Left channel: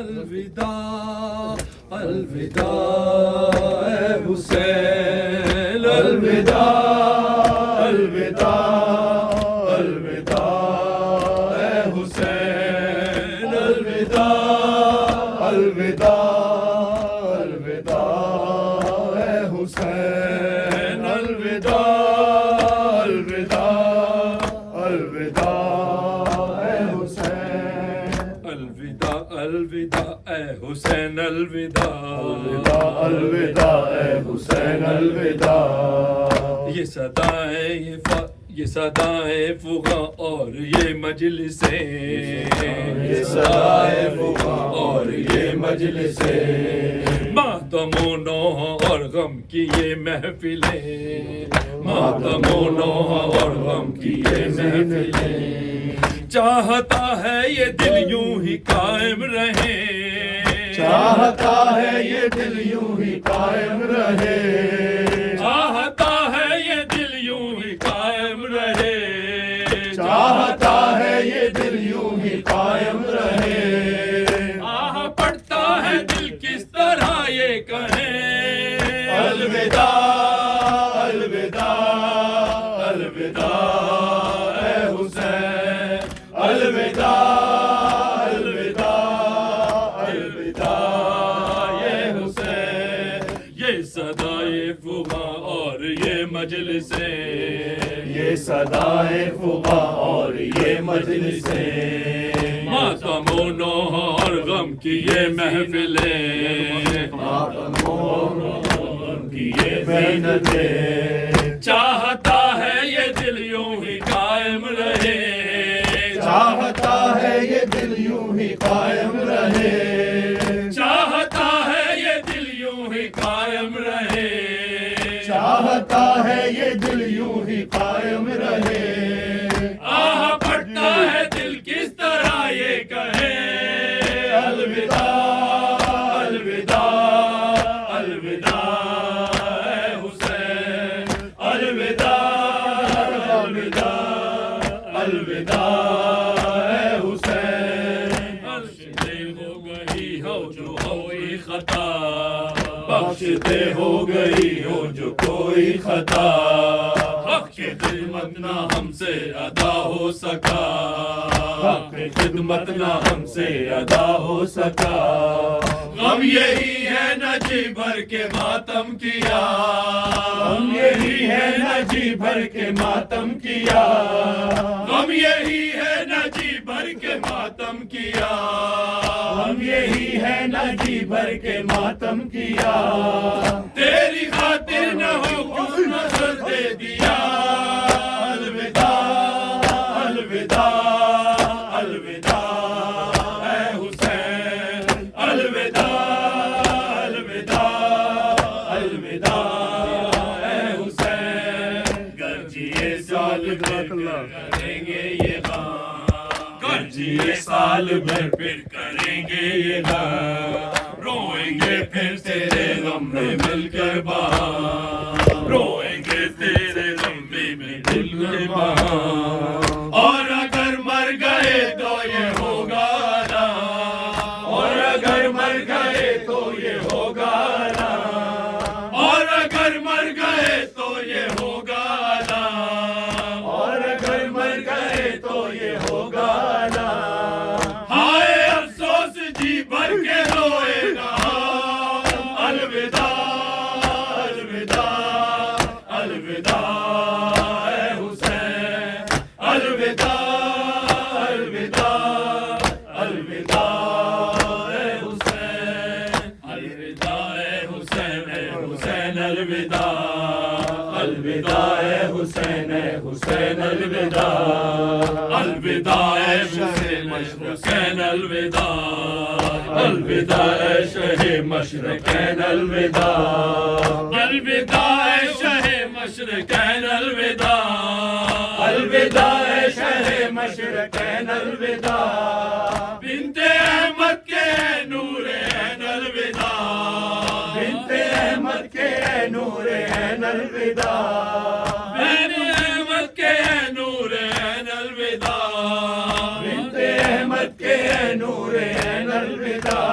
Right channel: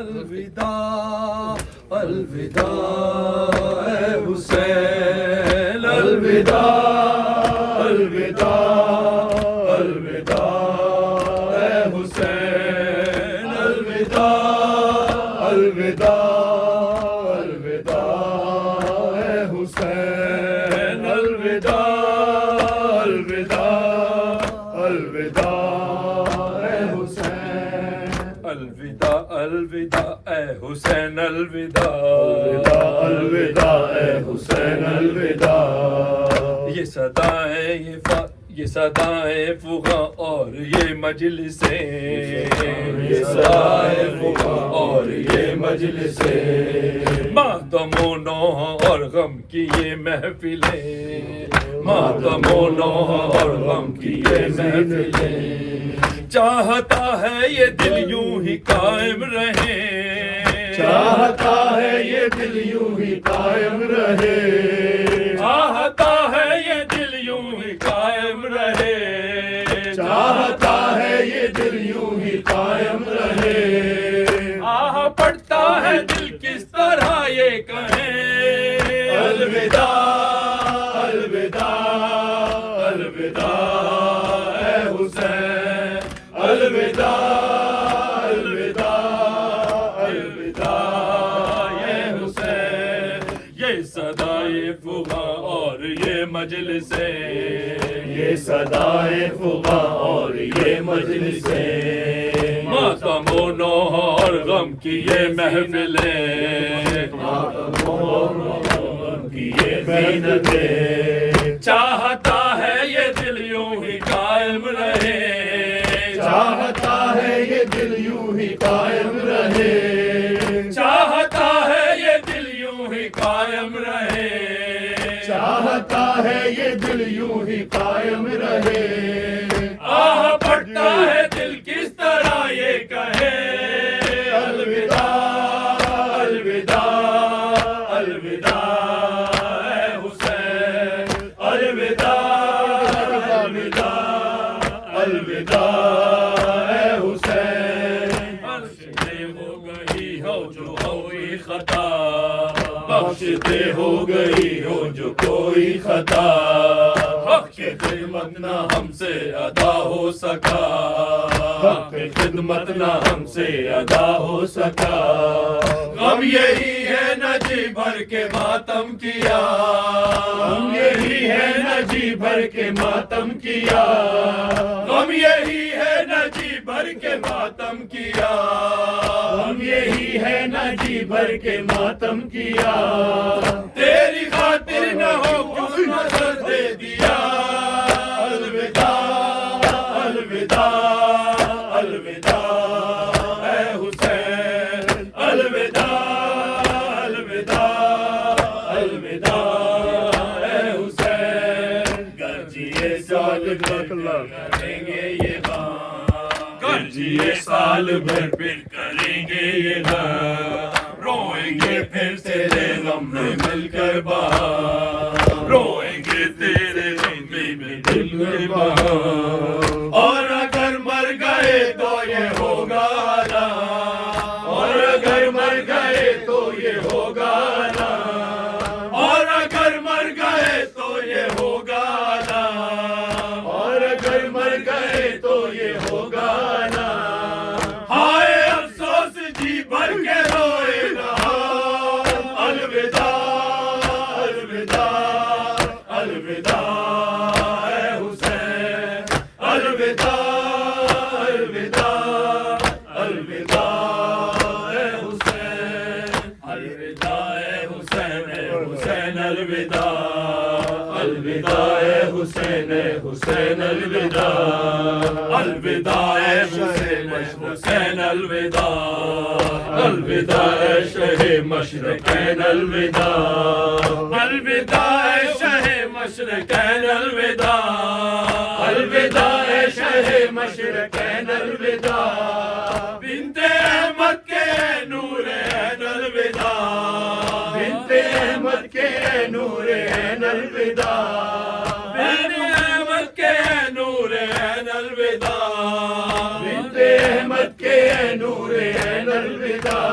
الوداع الوداع اے حسین الوداع الوداع الوداع اے حسین الوداع الوداع الوداع اے حسین الوداع الوداع الوداع اے حسین الوداع الوداع اے حسین الوداع الوداع اے حسین الوداع یہ صدائیں یہ صدائیں فغاں اور یہ مجلسیں یہ صدائیں فغاں اور یہ مجلسیں ماتم و نوح اور غم کی یہ محفلیں ماتم و نوح اور غم کی یہ محفلیں چاہتا ہے یہ دل یوں ہی قائم رہے چاہتا ہے یہ دل یوں ہی قائم رہے چاہتا ہے یہ دل یوں ہی قائم رہے چاہتا ہے یہ دل یوں ہی قائم رہے آہ پڑتا ہے دل کس طرح یہ کہیں الوداع الوداع الوداع اے حسین الوداع الوداع الوداع یہ حسین یہ صدائے فغاں اور یہ مجلسیں یہ صدائے فغاں اور یہ مجلسیں ماتم و نوح اور غم کی یہ محفلیں ماتم و نوح اور غم کی یہ محفلیں چاہتا ہے یہ دل یوں ہی قائم رہے چاہتا ہے یہ دل یوں ہی قائم رہے چاہتا ہے یہ دل یوں ہی قائم رہے چاہتا ہے یہ دل یوں ہی قائم رہے آہ پڑتا ہے دل کس طرح یہ کہے الوداع الوداع الوداع اے حسین الوداع الوداع الوداع اے حسین بخشتے ہو گئی ہو جو ہوئی خطا بخشتے ہو گئی ہو جو کوئی خطا حق کی خدمت نہ ہم سے ادا ہو سکا حق کی خدمت نہ ہم سے ادا ہو سکا غم یہی ہے نہ جی بھر کے ماتم کیا غم یہی ہے نہ جی بھر کے ماتم کیا غم یہی ہے نہ جی بھر کے ماتم کیا غم یہی ہے نہ جی بھر کے ماتم کیا تیری خاطر نہ ہو کیوں نہ سر دے دیا الوداع الوداع الوداع اے حسین الوداع الوداع الوداع اے حسین گرجیے سال بھر کریں گے یہ غم گرجیے سال بھر پھر کریں گے یہ غم روئیں گے پھر تیرے غم میں مل کر بہار روئیں گے تیرے غم میں مل کر بہار اور اگر مر گئے تو یہ ہوگا نا اور اگر مر گئے تو یہ ہوگا نا اور اگر مر گئے تو یہ ہوگا نا اور اگر مر گئے تو یہ ہوگا نا ہائے افسوس جی بھر کے روئے گا الوداع الوداع الوداع اے حسین الوداع الوداع الوداع اے حسین الوداع اے حسین اے حسین الوداع الوداع اے حسین الوداع الوداع اے حسین حسین الوداع الوداع اے شہ مشرقین الوداع الوداع اے شہ مشرقین الوداع الوداع اے شہ مشرقین الوداع بنت احمد کے نور عین الوداع بنت احمد کے نور عین الوداع بنت احمد کے نور عین الوداع بنت احمد کے نور عین الوداع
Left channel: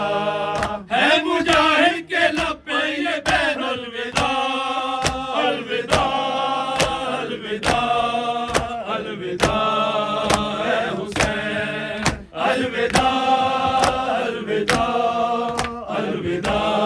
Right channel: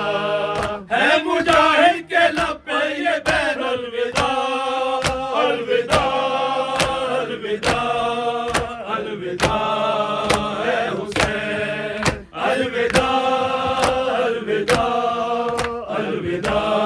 ہے مجاہد کے لب پہ یہ بین الوداع الوداع الوداع الوداع اے حسین الوداع الوداع الوداع